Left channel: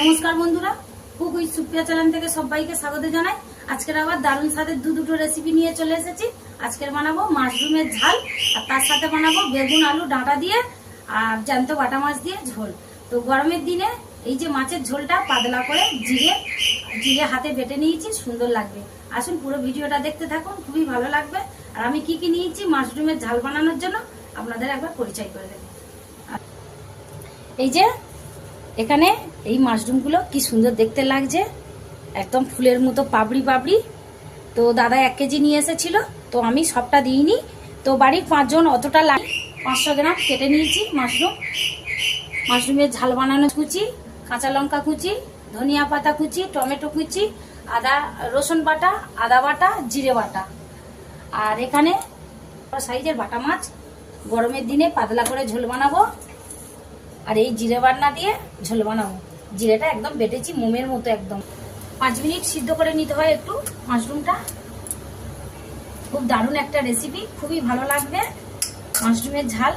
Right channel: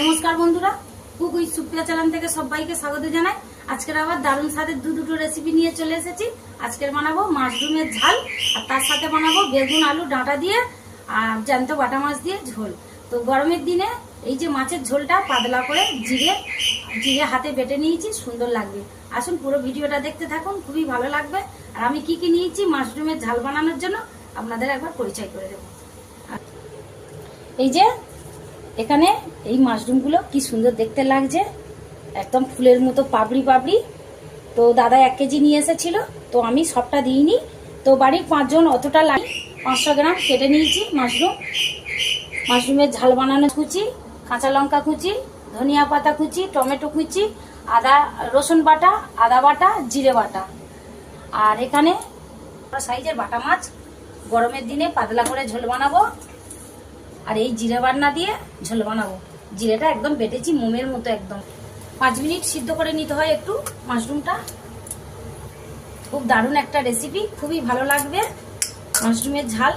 নমস্কার বন্ধুরা, cook with Supriya channel থেকে সবাইকে স্বাগত জানাই। আজকের আবার দারুণ স্বাদের দুটো রেসিপি নিয়ে চলে এসেছি। আজকের বানাবো মাশরুমের ঝাল, আর তার সাথে বানাবো বেগুন আলু ডাঁটা দিয়ে আর জ্যান্ত বাটা মাছ দিয়ে ঝোল। তো গরমের দিনে এই যে মাছের ঝোলটা পাতলা করে জিরে হাতে বেটে নিয়েছি, সুন্দর লাগবে। আসুন পুরো ভিডিওটা দেখতে থাকুন, খুবই ভালো লাগবে। আর আমি কি কি নিয়েছি মাশরুমের ঝাল বানানোর জন্য আপনাদের একবার পরিচয় করে দেবো। এই যে এখানে এই মাশরুমগুলো কি সুন্দর দেখতে লাগছে, একদম ফুলের মতো পাপড়ি পাপড়ি। তো দাদা 1 কেজি নিয়ে এসেছিল, তো আমি সবটা দিইনি। তো বাড়ির 5 জন অতটা লাগে, 500 গ্রাম কেটে নিয়েছি মাশরুমের ঝাল বানানো কুচি, কাঁচা লঙ্কা কুচি, ধনিয়া পাতা কুচি, টমেটো কুচি, রসুন বাটা, আদা বাটা, জিরে বাটা। আর এখানে সাইজের বাটা মাছ, গরমের দিনে পাতলা করে ঝোল বানাবো। আর এই জিরে বান্না দিয়ে ঝোল বানাবো। জিরেটা একদম বেটেছি মোমের মতো, একদম 5 মিনিট সিদ্ধ করে নিতে হয় একটু মাশরুমটা। খুব দারুণ একটা রেসিপি, খুবই ভালো লাগবে মাশরুমের ঝাল।